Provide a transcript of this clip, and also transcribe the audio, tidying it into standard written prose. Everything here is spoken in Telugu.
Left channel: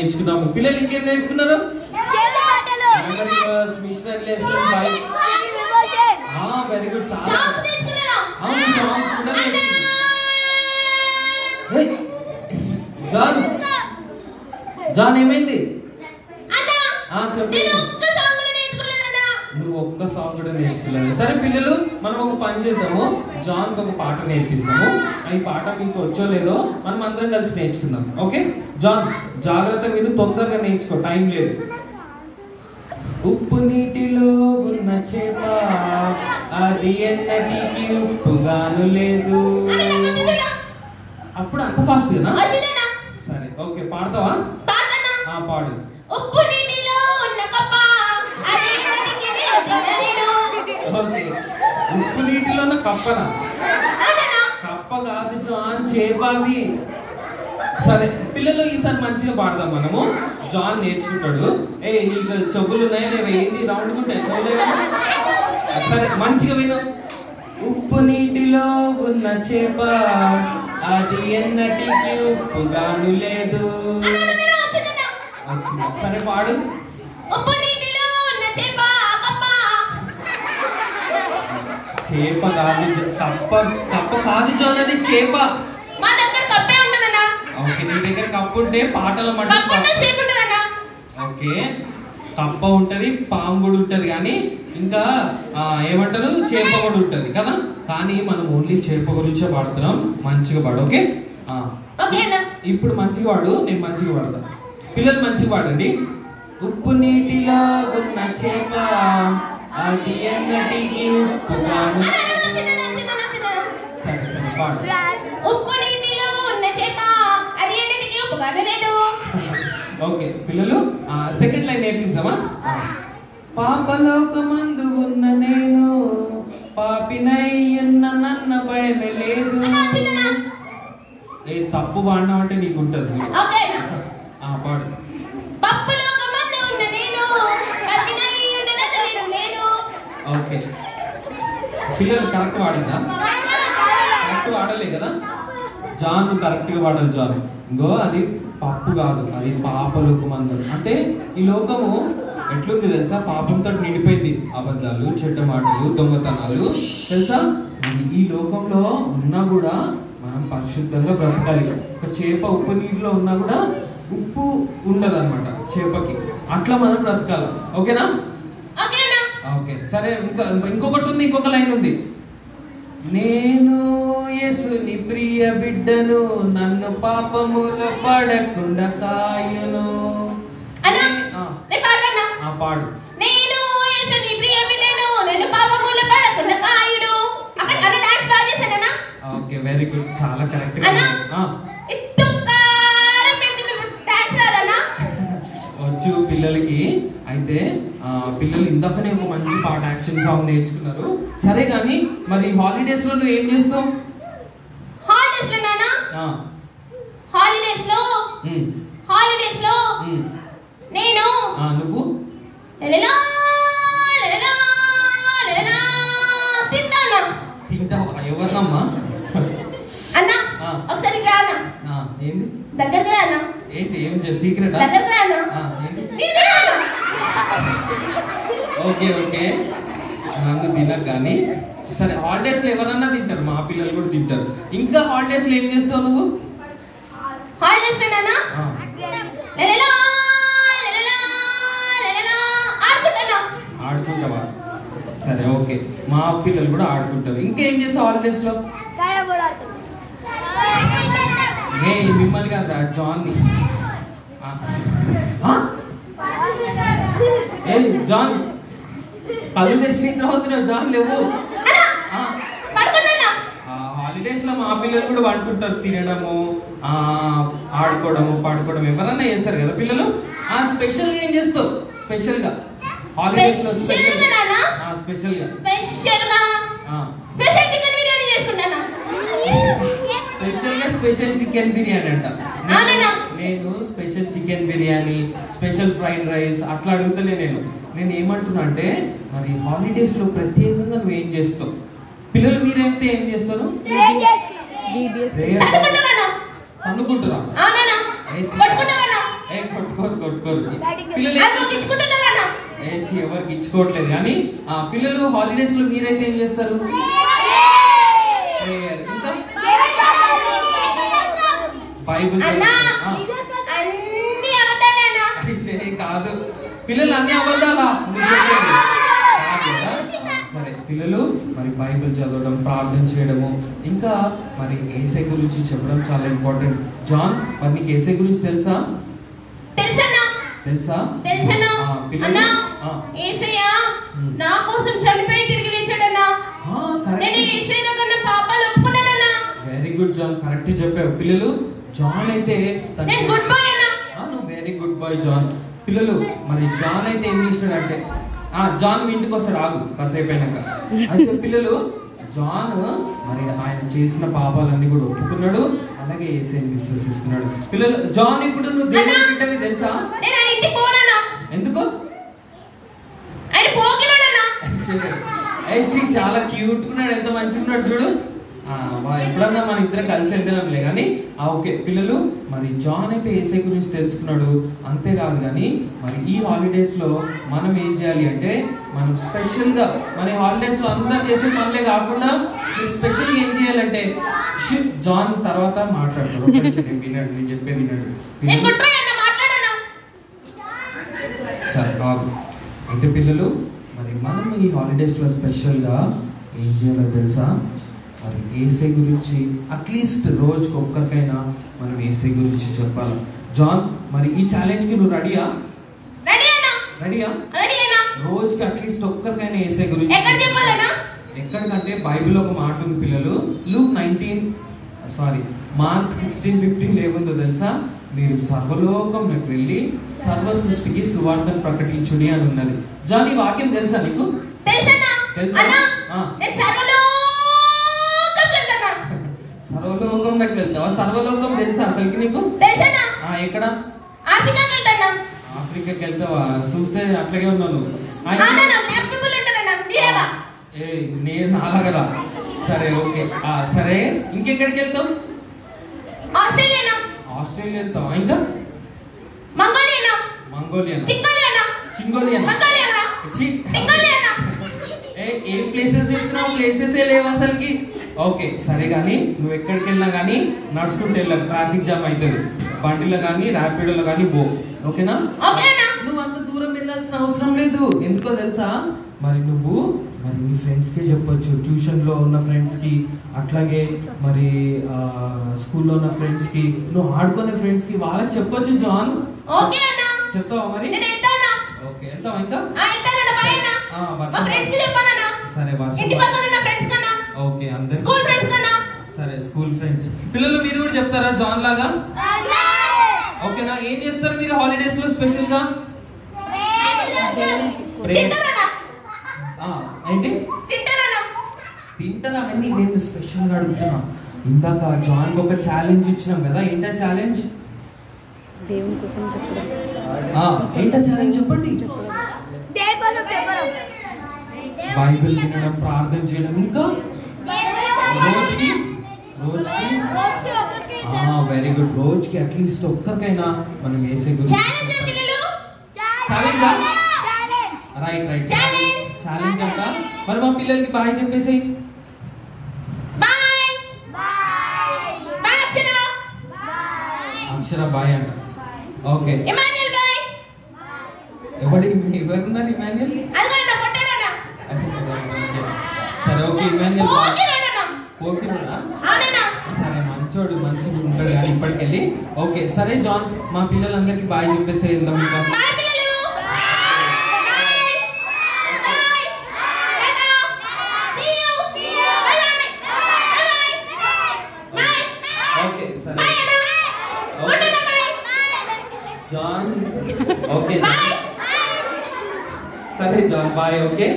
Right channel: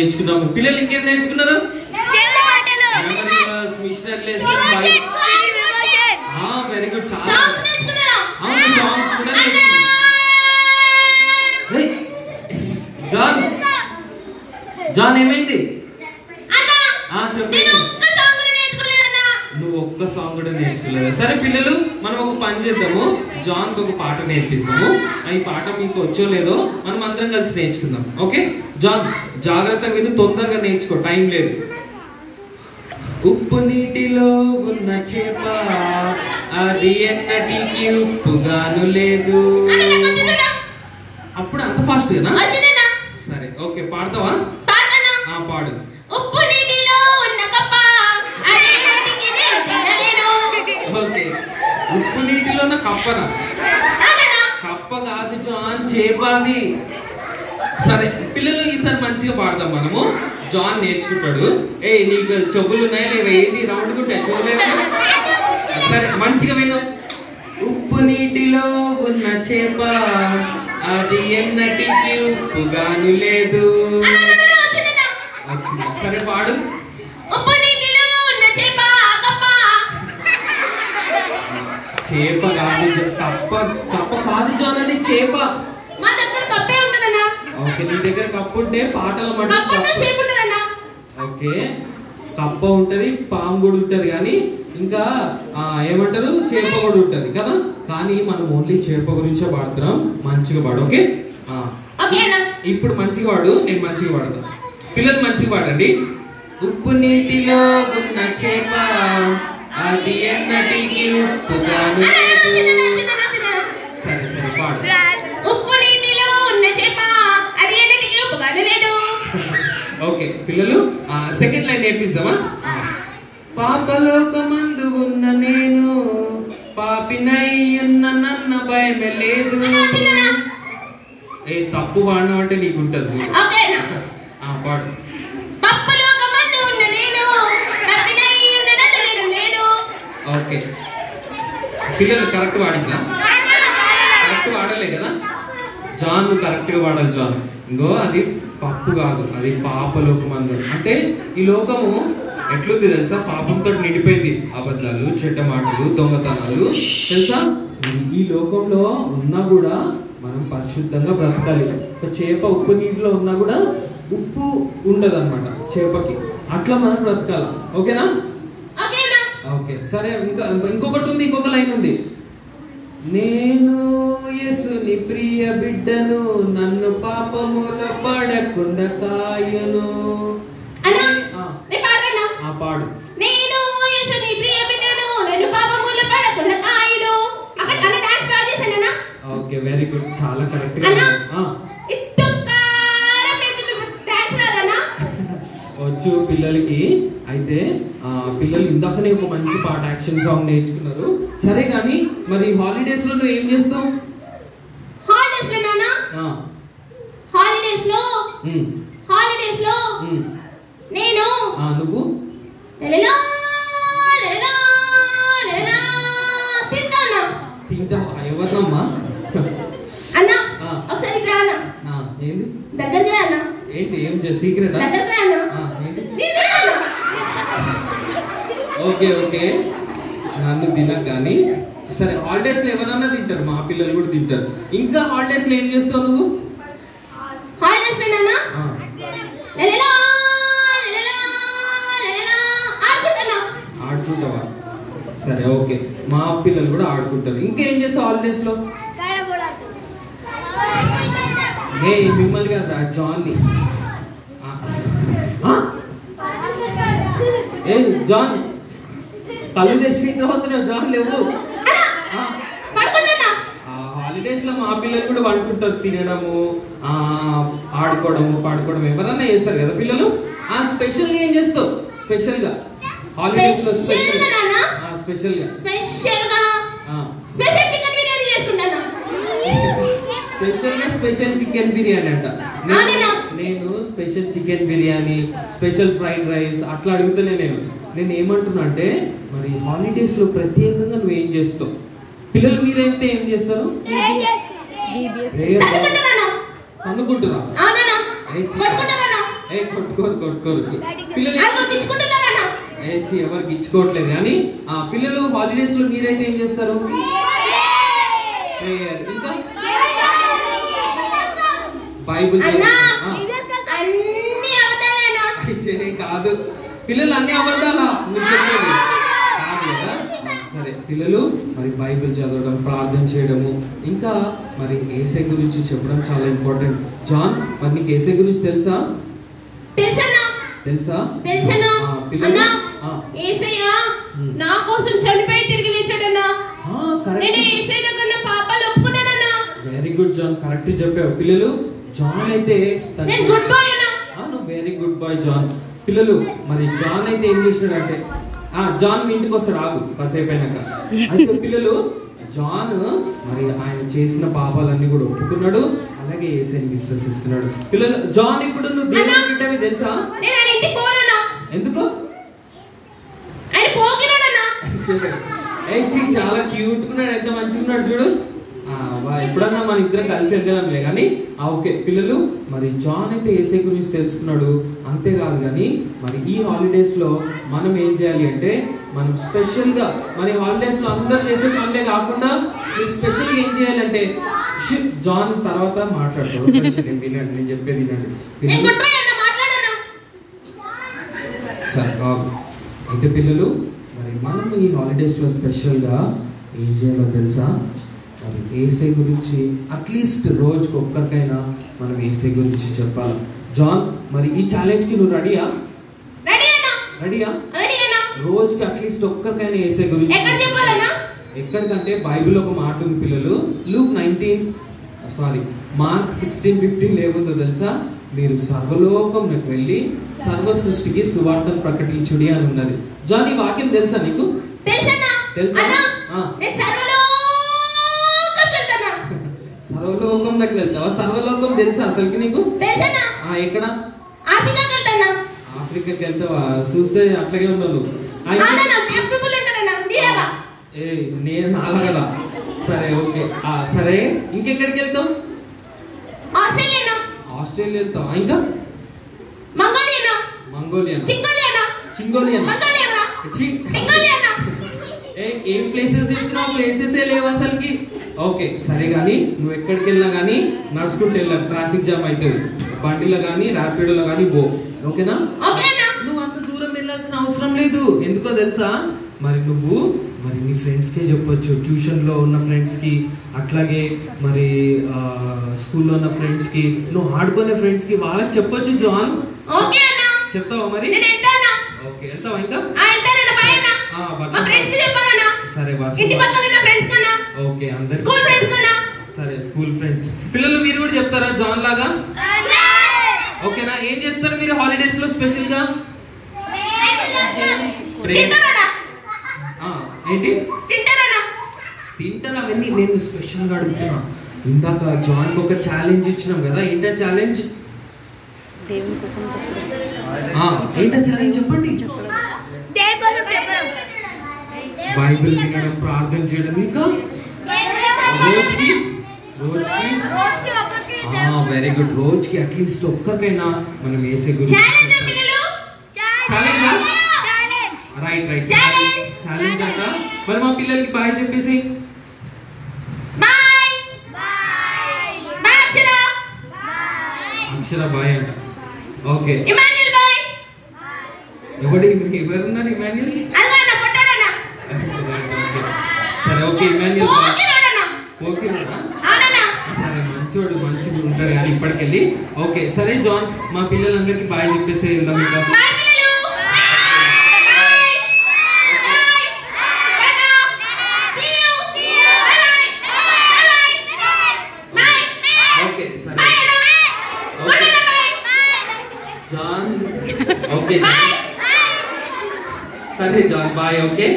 నేర్చుకున్నాము. పిల్లలు ఇంకేం నేర్చుకున్నారు? Very good. చాలా సాంగ్స్ కూడా జాన్ ఏమైంది? చెప్పండి. నువ్వు ఒక్క సాంగ్ కూడా నేర్చుకోలేదు. సరే పిల్లలు, మనం ఒక పని చేద్దాము. జాన్కి ఒక పాట నేర్పిస్తాము. ఈ పాట మీకు వచ్చో లేదో మనం అందరం కలిసి నేర్చుకుందాం. ఓకే జాన్, జాగ్రత్తగా విను, తొందరగా నేర్చుకో, టైం లేదు. ఉప్పు నీటిలో ఉన్న చేప అది ఎన్నటికి ఉప్పుగాను లేదు. అప్పుడు అంత ఫాస్ట్ కదా? సరే ఓకే, పాడతావా? పాడు. ఉప్పు నీటిలో ఉన్న కప్ప ఓకే, ఉప్పు నీటిలో ఉన్న కప్పనా? కప్ప కాదు జాన్, చేపాది. సరే పిల్లలు, ఈసారి మంచిగా పాడదాం మనము. జాన్ నేర్చుకుంటాడు. నీకు చెవులు ఉన్నాయా లేవా? ఏంటి రౌండ్ ఉంటాయి చూడలేవా? సరే మంచిగా విను. ఉప్పు నీటిలో ఉన్న చేప అది ఎన్నటికి ఉప్పుగాను లేదు. సరే పాడు. చేప కాదు, కప్ప. కప్ప కాదు జాన్, అది చేప. ఓకే, నీ దగ్గర కప్పు ఉంటే పాటల మాట. ఓకే, కప్ప ఉంటది, పాము కూడా ఉంటది, కానీ ఇంకా ఏమంటారు, చేప కూడా ఉంటది కదా. కానీ మనం ఓన్లీ చేప గురించే పాడుతున్నాం. మంచిగా పాడు. ఓకే, ఇప్పుడు మంచిగా పాడు, నేను మంచిగా పాడతా. పిల్లలు మంచిగా పాడండి. ఉప్పు నీటిలో ఉన్న చేప అది ఎన్నటికి ఉప్పుగాను. సరే సరే పాడు. ఉప్పు నీటిలో ఉన్న చేప అది ఎన్నటికి ఉప్పుగాను లేదు. ఓకే పిల్లలు, సెకండ్ లైన్ నేర్పిస్తామా? పాపలోకమందు ఉన్న నేను పాపినయ్యున్న నన్న భయమే లేదు. తప్పు పాడినా అంటే నీకు ఉంటుంది. పాడు. ఓకే పిల్లలు కరెక్ట్ వాడిందా? కరెక్ట్ వాడలే కదా జాన్, నువ్వు కరెక్ట్గా వాడాలి జాన్. ఇంకో అది పప్పు కాదు, అది పాపలోకమందు. అంటే ఈ లోకము ఎట్లుంది తెలుసా? పాపంతో నిండిపోయింది. అబద్ధాలు, చెడ్డ మాటలు, దొంగతనాలు, తెలుసా? ఈ లోకంలో ఉన్నా కూడా మనం పరిశుద్ధంగా బ్రతకాలి. ఒక చేప ఉప్పు నీటిలో ఉన్నా కూడా ఉప్పు ఉండదు అనమాట చేపకి. అట్లా మనం బ్రతకాలి. ఓకేనా? ఓకే సరే, ఇంకొకటి ఉంది, ఇంకొక లైన్ ఉంది. నేను యేసుని ప్రియ బిడ్డను, నన్ను పాపముల పడకుండా కాయును. పాడు. నేను యేసుని ప్రియ బిడ్డను, నన్ను పాపముల పడకుండా కాయును. అక్కడ డాన్స్ బాగా చేశానా? ఓకే వెరీ గుడ్, చాలా కరెక్ట్ గా. వచ్చు పిల్లలకి. అయితే పిల్లలు ఇందాకనే ఒక మంచి పాట, యాక్షన్ సాంగ్ నేర్చుకున్నారు. సరే కానీ మరి హాలిడేస్ లో నువ్వు ఏం చేస్తావు? హాలిడేస్ లో నేను నువ్వు తింటావా? ఎవరినమ్మా? అన్నా ఒకసారి రానా? ఏంది దగ్గరికి రానా? ఏంటి ఏం సీక్రెట్? దగ్గరికి రానా? ఓకే ఓకే, నన్ను తినకు కానీ. సరే హాలిడేస్ లో ఎవరన్నా తింటారు, మా పిల్లలు కూడా తింటారు. ఇంకా హాలిడేస్ లో ఏం చేస్తావు నువ్వు? ఆడుకుంటావా? సరే ఓకే, మా పిల్లలు కూడా ఆడుకుంటారు. ఇంకేం చేస్తావు హాలిడేస్ లో? మిమ్మల్ని కదా జాన్ని. జాన్ కళ్ళు తెచ్చి అవుతున్నావు జాన్, లేవు. హాలిడేస్ లో మా పిల్లలు కూడా వండుకుంటారు, తినడము, ఆడుకోవడము, పడుకోవడం ఎవరన్నా చేస్తారు కదా పిల్లలు. స్పెషల్ గా ఏం చేస్తావు? స్పెషల్ గా హాలిడేస్ లో స్పెషల్ చికెన్ బిర్యానీ అంట. నేను special chicken biryani, special fried rice అట్లా అడుగుతున్నా. నేను ఏమంటున్నా అంటే, మరి హాలిడేస్ లో ప్రత్యేకంగా నువ్వు ఏం చేస్తావు? పిల్లలు మీరైతే ఏం చేస్తారు? అనుకుంటున్నా కొట్టుకోరు పిల్లలు ఎవరికి ఇచ్చుకోవట్లేదు కానీ పిల్లలు హాలిడేస్ లో మీరైతే ఏం చేస్తారు? ఇంకా బైబిల్ కాదు, పిల్లలు అన్ని అబద్ధాలా సరే. పిల్లలు మరి బైబిల్ చదవడం, ప్రార్థన చేయడము, ఇంకా మరి యేసయ్య గురించి చెప్పడం చాలా ఇంపార్టెంట్. జాన్, మరి నీకు యేసయ్య గురించి తెలుసా? తెలుసా? పిల్లలు యేసయ్య నా కోసం చనిపోయి తిరిగి లేచాడన్నా. నేను యేసయ్య కన్నా పాపాలు ఒప్పుకున్నానన్నా. వెరీ గుడ్ జాన్, కరెక్ట్ చెప్పావు. పిల్లలు జాన్ అయితే వెరీ గుడ్ బాయ్ జాన్. పిల్లలు మరి జాన్ అయితే ఏం చేసినాడంటే జాన్ ఇంటికి వస్తాడు, ఆగు కాసేపు అయినాక. అయితే పిల్లలు జాన్ మరి ఆయన చేసిన పాపాలన్నీ కూడా ఒప్పుకున్నాడు, అలాగే యేసయ్యని విశ్వసిస్తున్నాడు. పిల్లలు జాన్ ఇప్పుడు నువ్వు దేవుని బిడ్డవి తెలుసా? ఎందుకు? చాలా క్యూట్ ఉన్నాడు, ఎంత మంచిగా ఉన్నాడు చూడు. ఎప్పుడన్నా మన ఇద్దరం కలిసి వెళ్దాంలే కానీ ఓకే. పిల్లలు మరి జాన్ అయితే యేసయ్య గురించి తెలుసుకున్నాడు, అంతేకాదు కానీ మరి ఈ హాలిడేస్ లో మనం ఏం చేయాలి అంటే మనం స్పెషల్ గా మరి హాలిడేస్ లో అందరు చేసే పనులే కాకుండా మీరు స్పెషల్ గా ఏం చేయాలంటే జాన్ తర్వాత మాట్లాడుకోండి. వినండి, నేను చెప్పేది వినండి సార్ బాబు. అయితే పిల్లలు మరి మనం ఈ హాలిడేస్ లో స్పెషల్ గా ఏం చేయాలో తెలుసా? మరి యేసయ్య గురించి అట్లీస్ట్ రోజుకి ఒక్కరికైనా మనం యేసయ్య గురించి చెప్పాలి. జాన్, మరి ఈ ఛాలెంజ్ కి నువ్వు రెడీయా? రోజుకి అట్లీస్ట్ ఒక్కరికైనా యేసయ్య గురించి ఎక్కడికంటే బైబిల్ ఒక మాట ఉంది పిల్లలు, మార్క్ 16:15 లేకుందో తెలుసా? మీరు సర్వలోకంలోకి వెళ్ళి సర్వ సృష్టికి సువార్తను ప్రకటించుడి అని ఉన్నది. జాన్, ఈ వాక్యం తెలుసా నీకు? తెలుసా? సర్వలోకంలోకి వెళ్తావా? సర్వలోకం తెలుసా అసలుకి నీకు? ఎక్కడ? ఆఫ్రికాకి వెళ్తావా? చూస్తే అట్లాగే ఉన్నాను. నేను అలా కదా. సరే ఓకే, సరే. ఇంకెక్కడికి వెళ్తావు? ఆస్ట్రేలియా వెళ్తావా? ఇంకా మంగోలియా, ఏం ప్లేసెస్ చెప్తున్నావు? ప్లేసెస్ లేవు అసలుకి. ఓకే సరే, కానీ నువ్వు ఎక్కడికి వెళ్ళినా కానీ నడుచుకుంటూ వెళ్ళావు, ట్రాఫిక్ జామ్ అవుతుంది. బండిలో కానీ ర్యాపిడోలో కానీ పో, ఓకేనా? నువ్వు అంత దూరం వెళ్ళాల్సిన అవసరం లేదు. ఎందుకో తెలుసా? మరి నువ్వు మరి నీ ఫ్రెండ్స్కే చెప్పొచ్చు, ట్యూషన్లో ఉన్న ఫ్రెండ్స్కి, అట్లాగే మరి స్కూల్లో ఉన్న ఫ్రెండ్స్కి, నువ్వు ఆడుకునే ఫ్రెండ్స్కి, వాళ్ళకి చెప్పొచ్చు. జాన్, చెప్తావా మరి? ఓకే, వెళ్తావా? ఇంకా సరే, ఓకే అందరు సరే. స్కూల్ ఫ్రెండ్స్ పిల్లలు మీరు కూడా చెప్తారా జాన్ లాగా? ఓకేనా? ఏం చేస్తారు మీరు హాలిడేస్ లో స్పెషల్ గా? ఏంటి తింటారా? అవన్నీ నేను స్పెషల్ గా అడుగుతున్నా. ఇందాక జాన్ ఒక ఛాలెంజ్ ఇచ్చినాం కదా, ఏంటా ఛాలెంజ్? ఏంటా ఛాలెంజ్ చెప్పండి. బైబిల్ వినడం, ప్రార్థన చేయడం, ఇంకా రోజుకి వెరీ గుడ్, రోజుకి అట్లీస్ట్ ఒక్కరికైనా మనం యేసయ్య గురించి రైట్ ఛాలెంజ్ అంట. మరి మా పిల్లలకి బాయ్ చెప్పేసి. అక్షర బాయ్ అంట. ఓకే, ఎవరున్నారు? ఇమాన్యుల్. సరే ఓకే, ఇమాన్యుల్ ఓకేనా? సరే, మంచోడు, మంచిగా ఉంటాడు కానీ ఇప్పటికెళ్ళి. ఓకే సరే జాన్, మా పిల్లలందరికీ బాయ్ చెప్పేసి వెళ్దాం. ఇంకా ఓకే సరే జాన్. ఓకే సరే జాన్ బాయ్. ఓకే.